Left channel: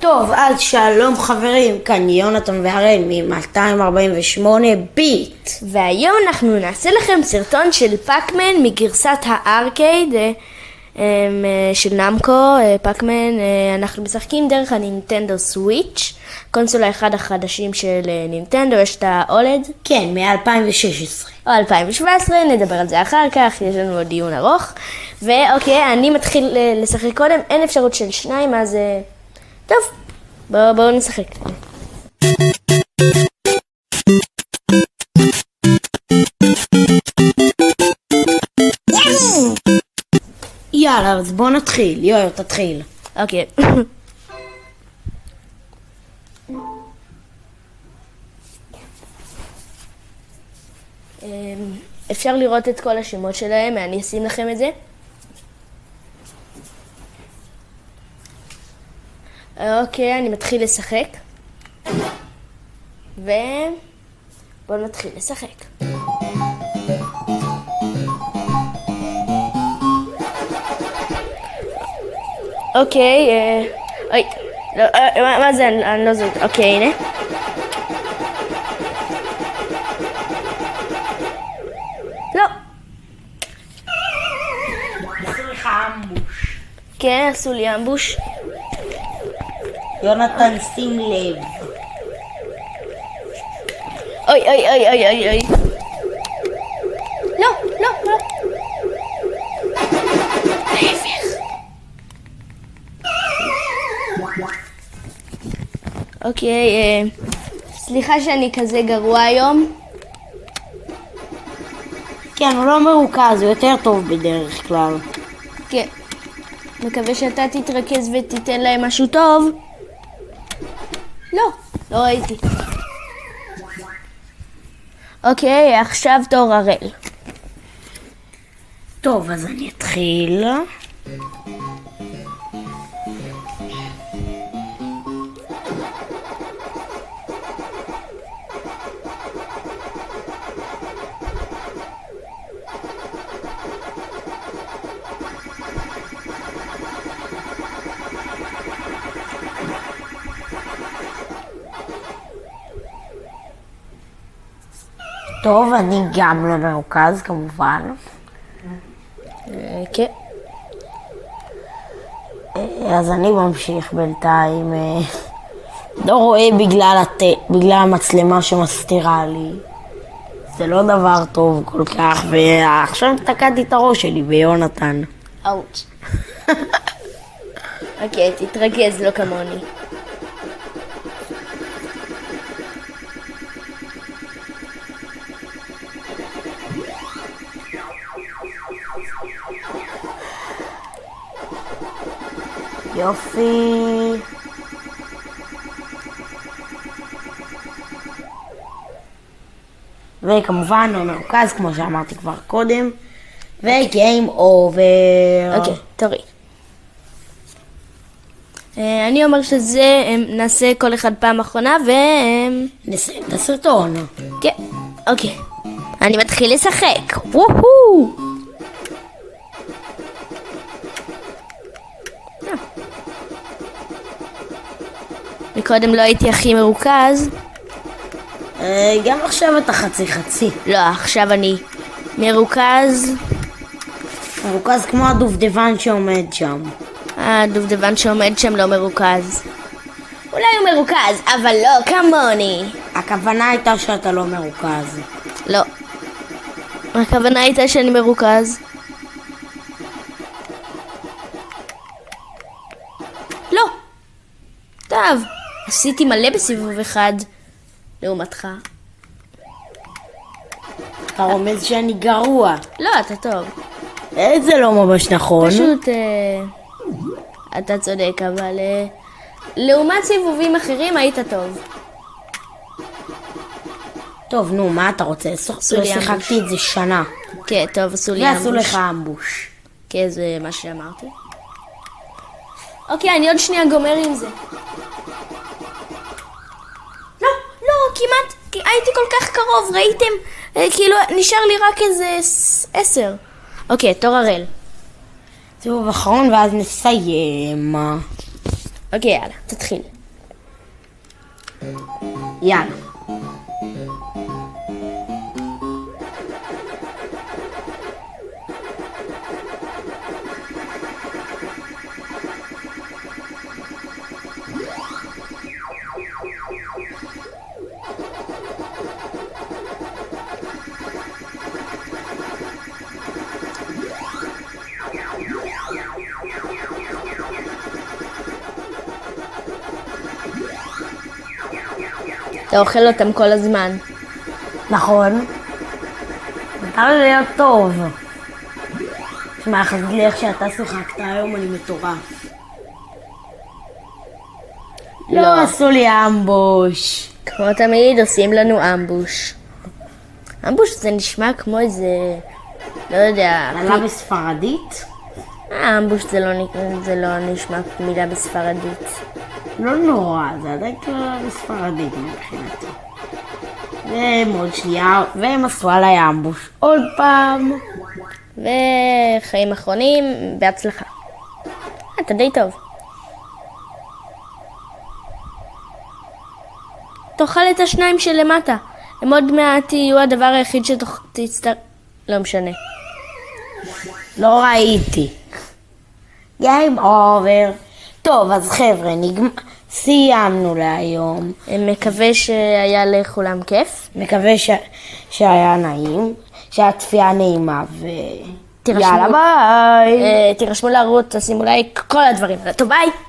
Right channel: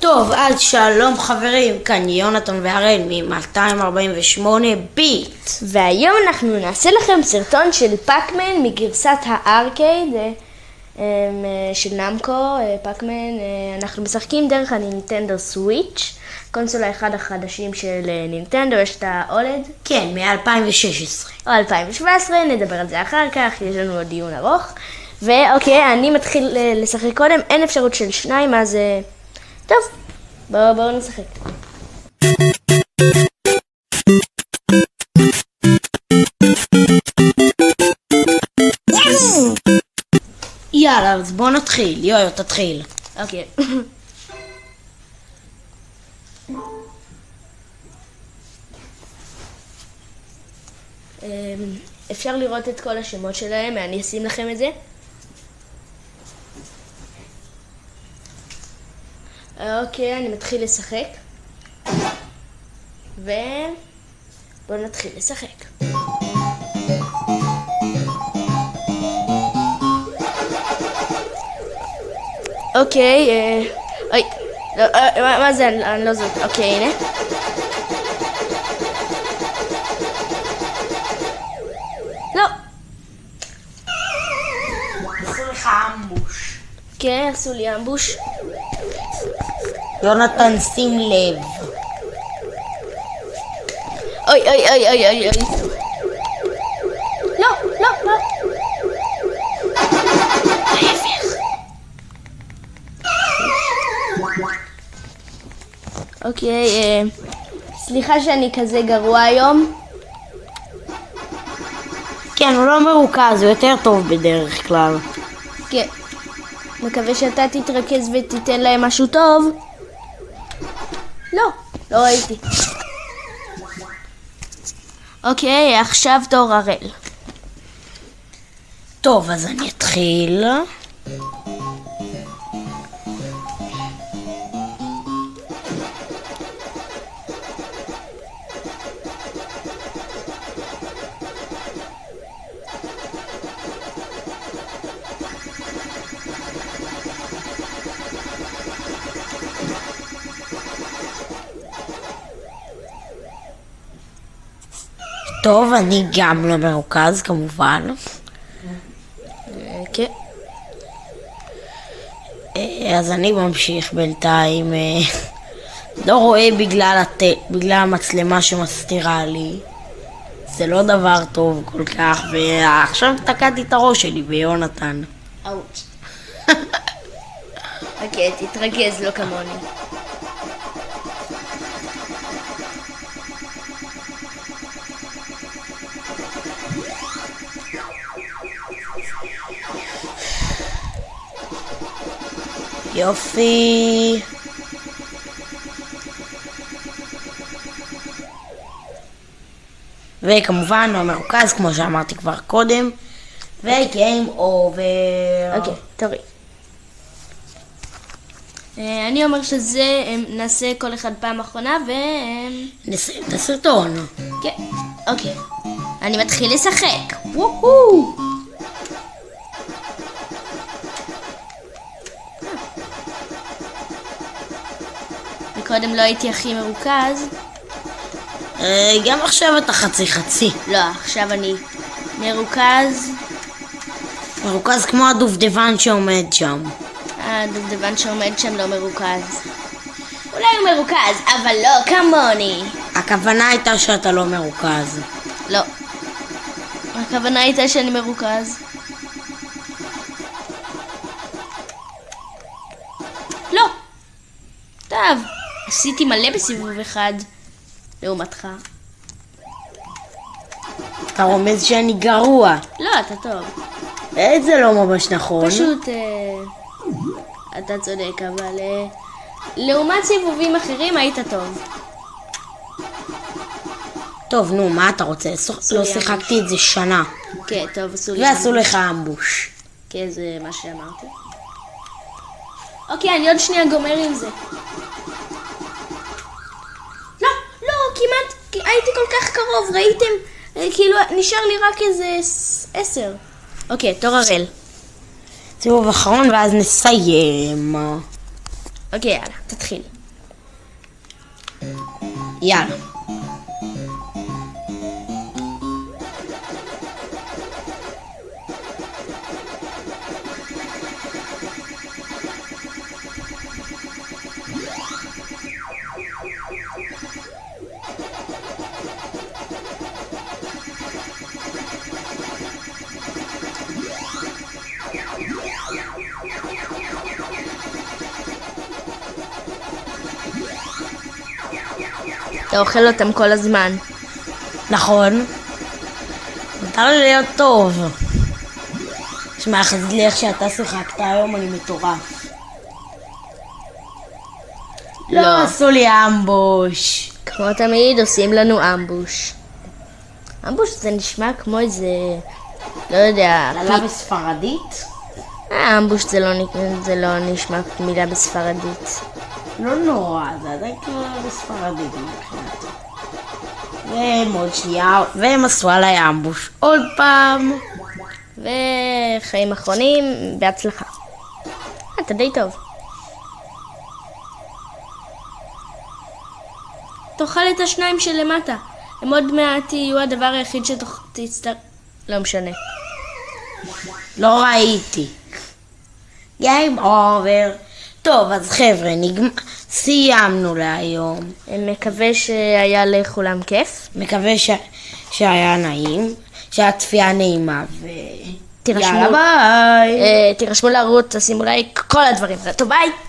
טוב, אז שלום חברים, כאן יונתן והראל מ-248 ביט. והיום אנחנו נעשה לכם סרטון של פאקמן מגרסת הארקייד של נמקו. פאקמן, אנחנו משחקים דרך הנינטנדו סוויץ', קונסולה אחד החדשים של נינטנדו, יש את האולד. כן, מ-2016. או 2017, נדבר על זה אחר כך, יש לנו עוד דיון ארוך. ואוקיי, אני מתחיל לשחק קודם, אין אפשרות של שניים, אז טוב, בואו נשחק. יאללה, אז בוא נתחיל. יואו, תתחיל. אוקיי. אפשר לראות את כל השמות שלהם, אני אשים לכם את זה. אוקיי, אני מתחיל לשחק. בואו נתחיל לשחק. אוקיי, אוי, מה זה? אני לא זוכרת. אוקיי, הנה. לא. עשו לך אמבוש. כן, עשו לי אמבוש. יונתן, שים לב. אוי, אוי, אוי, אוי, אוי, אוי. לא, לא, לא. ההפך. אוקיי, סליחה שאני כזה גרוע היום. כן, הוא לא מרוכז, הוא יותר טוב בדרך כלל. כן. מקווה שאתה תתרכז ותיתן להם משהו טוב. לא, לא ראיתי. אוקיי, עכשיו תור הראל. טוב, אז אני אתחיל. טוב, אני גם לא מרוכז כמובן. כן. אז אני ממשיך בינתיים. לא רואה בגלל המצלמה שמסתירה לי. זה לא דבר טוב כל כך, ועכשיו תקעתי את הראש שלי ביונתן. אאוץ'. אוקיי, תתרכז, לא כמוני. יופי. וכמובן לא מרוכז כמו שאמרתי כבר קודם. וגיים אובר. אוקיי, תורי. אני אומר שזה, נעשה כל אחד פעם אחרונה נסיים את הסרטון. כן, אוקיי. אני מתחיל לשחק. וואו! קודם לא הייתי הכי מרוכז. גם עכשיו אתה חצי. לא, עכשיו אני מרוכז. מרוכז כמו הדובדבן שעומד שם. הדובדבן שעומד שם לא מרוכז. אולי הוא מרוכז, אבל לא כמוני. הכוונה הייתה שאתה לא מרוכז. לא. הכוונה הייתה שאני מרוכז. לא. טוב. עשיתי מלא בסיבוב אחד, לעומתך. אתה רומז שאני גרוע. לא, אתה טוב. זה לא ממש נכון. פשוט, אתה צודק, אבל לעומת סיבובים אחרים היית טוב. טוב, נו, מה אתה רוצה? לא שיחקתי את זה שנה. כן, טוב, עשו לי אמבוש. ועשו לך אמבוש. כן, זה מה שאמרתי. אוקיי, אני עוד שנייה גומר עם זה. כמעט, הייתי כל כך קרוב, ראיתם? כאילו, נשאר לי רק איזה 10. אוקיי, תור הראל. סיבוב אחרון ואז נסיים. אוקיי, יאללה, תתחיל. יאללה. אתה אוכל אותם כל הזמן. נכון. מותר לי להיות טוב. שמע, חזית לי איך שאתה שיחקת היום, אני מטורף. לא עשו לי אמבוש. כמו תמיד עושים לנו אמבוש. אמבוש זה נשמע כמו איזה, לא יודע, מילה בספרדית? אמבוש זה לא נשמע מילה בספרדית. לא נורא, זה עדיין קרה בספרדית מבחינתי. ומאוד שנייה, והם עשו עליי אמבוש עוד פעם. וחיים אחרונים, בהצלחה. אתה די טוב. תאכל את השניים שלמטה. הם עוד מעט יהיו הדבר היחיד שתצטרך... לא משנה. לא ראיתי. Game over. טוב, אז חבר'ה, סיימנו להיום. מקווה שהיה לכולם כיף. מקווה שהיה נעים, שהצפייה נעימה, יאללה ביי. תירשמו לערוץ, תשימו לייק, כל הדברים. טוב, ביי.